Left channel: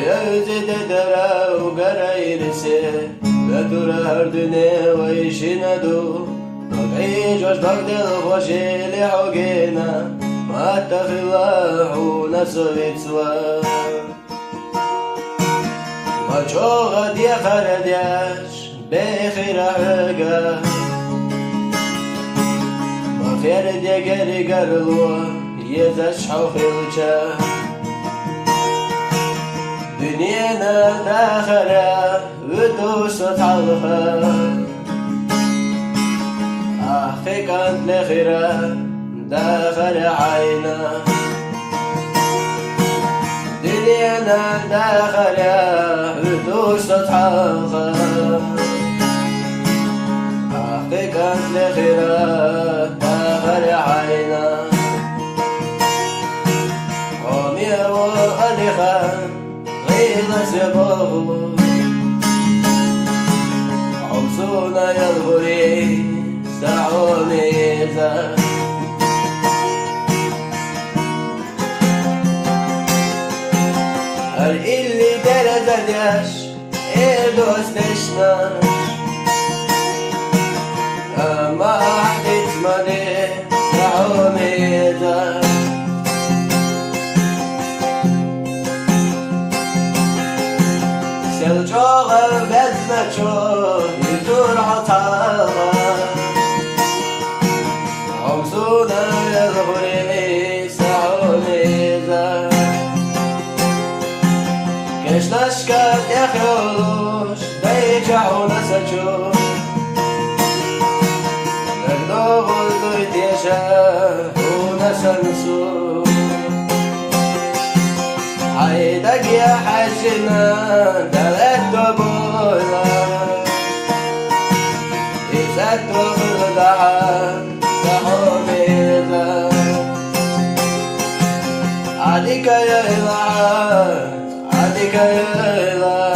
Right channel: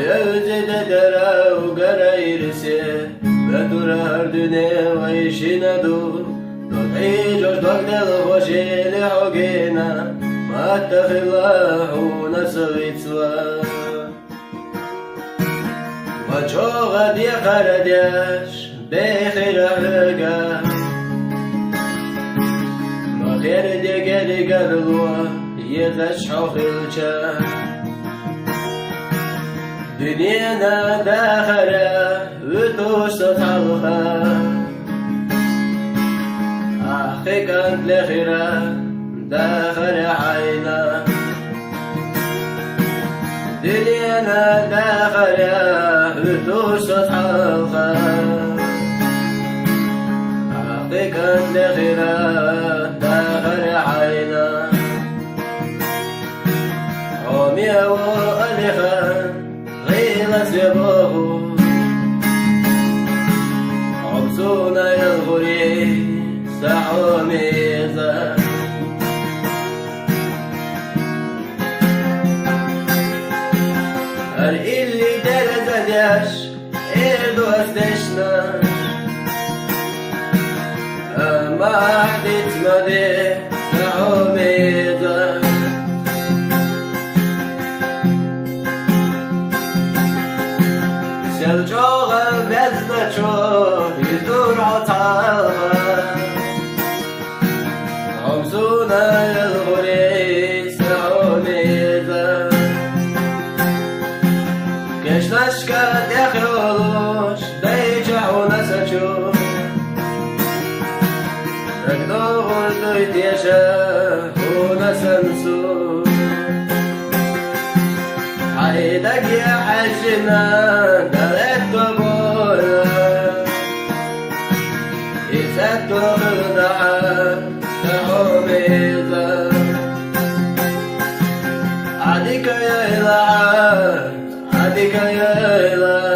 يزيد درا وقرايرسي بدور هردني ويشندو ضقعي جوش ضقدل خوشي لحوقينا ما اتخلاح ونسوي سوا ما جوغد يا خرديش بخير حقا ما خير دي قلي قرلوا يزش حوخلشا دنيانا داخرة وتوش صفحلها أخي كانت لخيرة داخل عينا دنيانا داخرة وتوش صفحلها أخي كانت لخيرة داخل عينا عمي وألخان غيلس يبوه عمسونا يلغري سعوميزا هل اللي درددش إيدو أستشنا أما أحدث مدي سعوميزا الجوغل بزنشو يدور عطاها عمسونا يلغري سعونيزا كش نشكت يخيولوش بيجعو نسجو نقدو غلدو يتيشا ونسنسو عيدك يا حجنا دلت قبولا إذا تخدعها كحميزة عديك يا إله عديك يا إله